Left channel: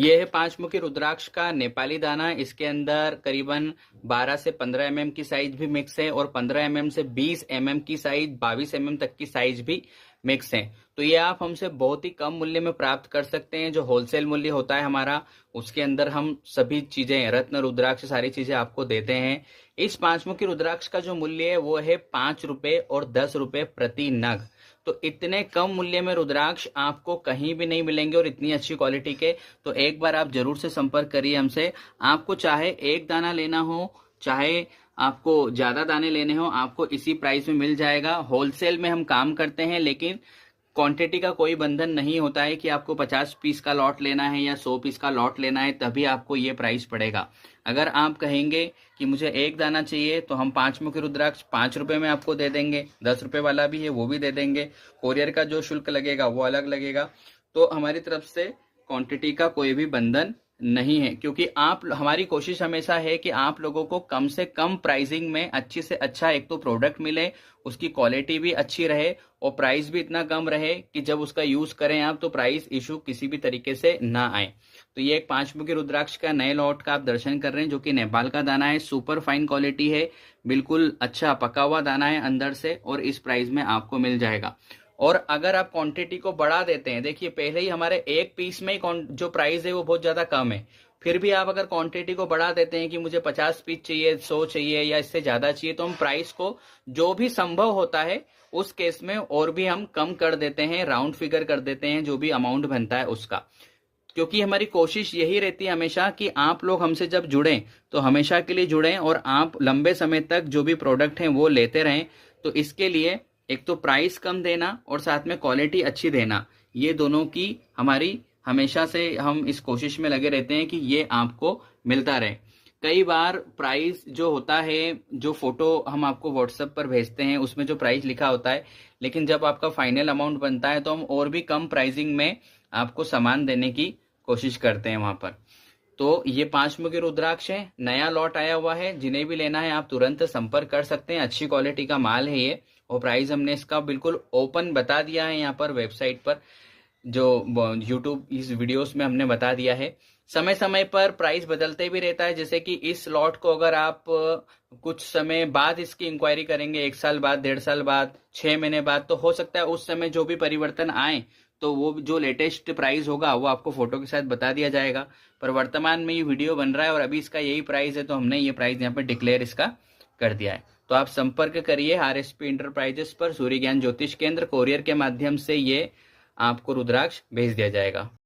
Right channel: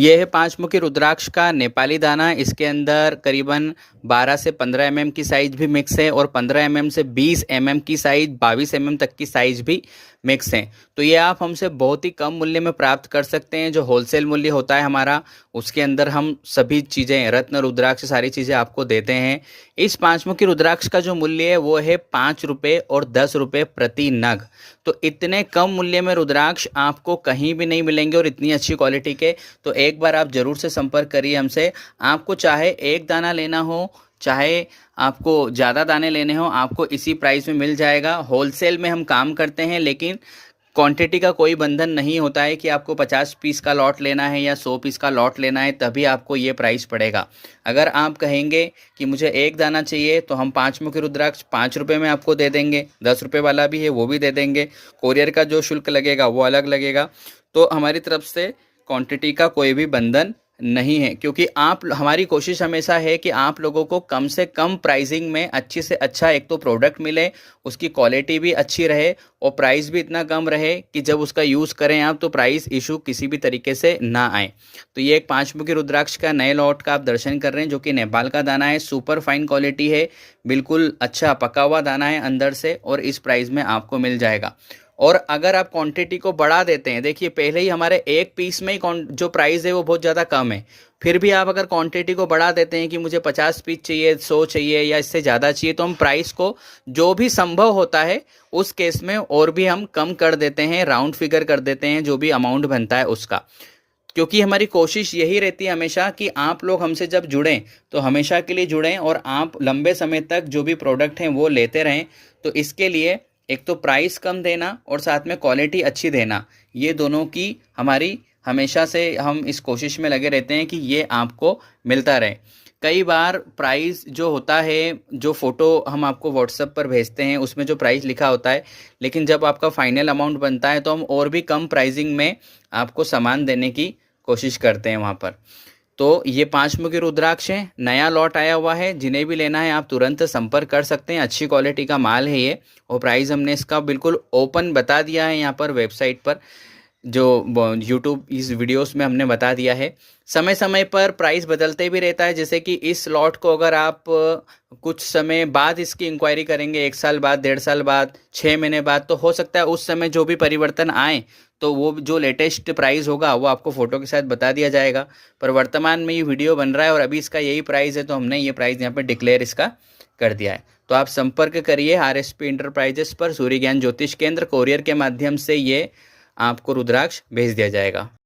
ये है पांचमुखी रुद्राक्ष का नेपाली दाना। इसके अंदर करीबन 12 से 15 एमएम की साइज भी मिक्स है और 15 एमएम से 20 एमएम की साइज, 22 एमएम तक की साइज भी मिक्स है। तो ये आप हमसे बहुत ही कम मूल्य में प्राप्त कर सकते हैं। जो होलसेल मूल्य होता है हमारा, उसके अंदर हम सभी चीज़ें, रत्न रुद्राक्ष, सारी चीज़ें आपको देते हैं। इस पांचमुखी रुद्राक्ष का जो मूल्य है वो है 5 रुपये और 10 रुपये प्रति नग। तो इतने कम मूल्य में रुद्राक्ष आपको कहीं भी नहीं मिलेंगे और इतनी अच्छी क्वालिटी के। तो एक बार आप ज़रूर से संपर्क करिए हमसे। आपको चाहे एक दाना लेना हो, चाहे आपको ज़्यादा दाने लेने हो, आपको इसी प्राइस में मिल जाएगा। होलसेल में हम काम करते हैं, लेकिन क्वांटिटी का कोई बंधन नहीं होता है कि आपको 50 पीस का लॉट लेना है या 100 पीस का लॉट लेना है तभी आपको ये प्राइस पड़ेगा। अगर आप कहेंगे कि मुझे एक दाना चाहिए तो हम पांचमुखी रुद्राक्ष 5 रुपये में आपको दे देंगे। 10 रुपये वाला भी है वो भी दे देंगे। कोरियर का जो शुल्क लगेगा वो अलग लगेगा। तो हमारी तरफ से क्वांटिटी का कोई भी बंधन नहीं है, क्योंकि आप, हमारी कोशिश हमेशा है कि आप लोगों को कम से कम प्राइसिंग में अच्छी से अच्छा एक तो प्रोडक्ट मिले, उसकी क्वालिटी भी अच्छी रहे और प्राइस भी इतना कम रहे कि जब उसका यूज़ करें आप तो प्राइस इशू किसी भी तरीके से ना आए। तो ये एक पांचमुखी रुद्राक्ष का नए लॉट का आप दर्शन कर रहे हैं, जो कि नेपाल का दाना है। सुपर फाइन क्वालिटी है, बिल्कुल अच्छा पका हुआ दाना है अंदर से, और इस प्राइस में आपको मिल जाएगा। और अगर आप क्वांटिटी को बढ़ा देते हैं, देखिए पहले ही हमारे एक पीस में ही जो प्राइस है वो बहुत ज़्यादा कम है, फिर भी आप अगर क्वांटिटी को बढ़ा देते हैं कि मुझे 50 पीस चाहिए, 100 चाहिए या इससे ज़्यादा चाहिए, तो हम प्राइस को जो भी संभव होता है उस केस में और भी हम कम कर देते हैं, राउंड फिगर कर देते हैं जो भी अमाउंट बनता है उसका। क्योंकि हमारी कोशिश यही रहती है हमेशा कि आप लोग हमसे जब जुड़ें तो हमेशा के लिए जुड़ें और आप लंबे समय तक जो भी प्रोडक्ट हैं वो लेते रहें। तो इसके लिए एक तो प्राइस कम देना और साथ में क्वालिटी अच्छी देना, ये दोनों की हमारी हमेशा से हम इस कोशिश में लगे रहते हैं कि ये आपको मिलता रहे। कई बार प्राइस जो होता है, जो फ़ोटो हम आपको व्हाट्सएप पर भेजते हैं उसमें जो प्राइस लिखा होता है, लेकिन जब आपका फाइनल अमाउंट बनता है तो हम और भी कम प्राइसिंग में आपको सामान देने की कोशिश करते हैं वहाँ पर। तो ये पांचमुखी रुद्राक्ष है, नया लॉट आया हुआ है। जिन्हें भी लेना है आप तुरंत संपर्क कर सकते हैं। अच्छी क्वालिटी का माल है ये, और प्राइस हमने इसका बिल्कुल ओपन बता दिया है यहाँ पर वेबसाइट पर, जो यूट्यूब इस वीडियोस में हमने बता दिया है। समय समय पर प्राइस बदलते भी रहता है, जैसे कि इस लॉट को अगर आप कुछ समय बाद इसकी इंक्वायरी करेंगे, 1 साल बाद, 1.5 साल बाद, 6 महीने बाद, तो हो सकता है उस समय जो भी परिवर्तन आए तो वो जो लेटेस्ट प्राइस होगा वो आपको फ़ोटो के साथ बता दिया जाएगा। पर वर्तमान में ये वीडियो बन रहा है और अभी इसका यही प्राइस है, तो हमने ये प्राइस यहाँ पर डिक्लेयर इसका कर दिया है। तो आप संपर्क करिए RSP इंटरप्राइजेस पर, सूर्य ज्ञान ज्योतिष केंद्र। कोरियर के माध्यम से ये आपको रुद्राक्ष भेज दिया जाएगा।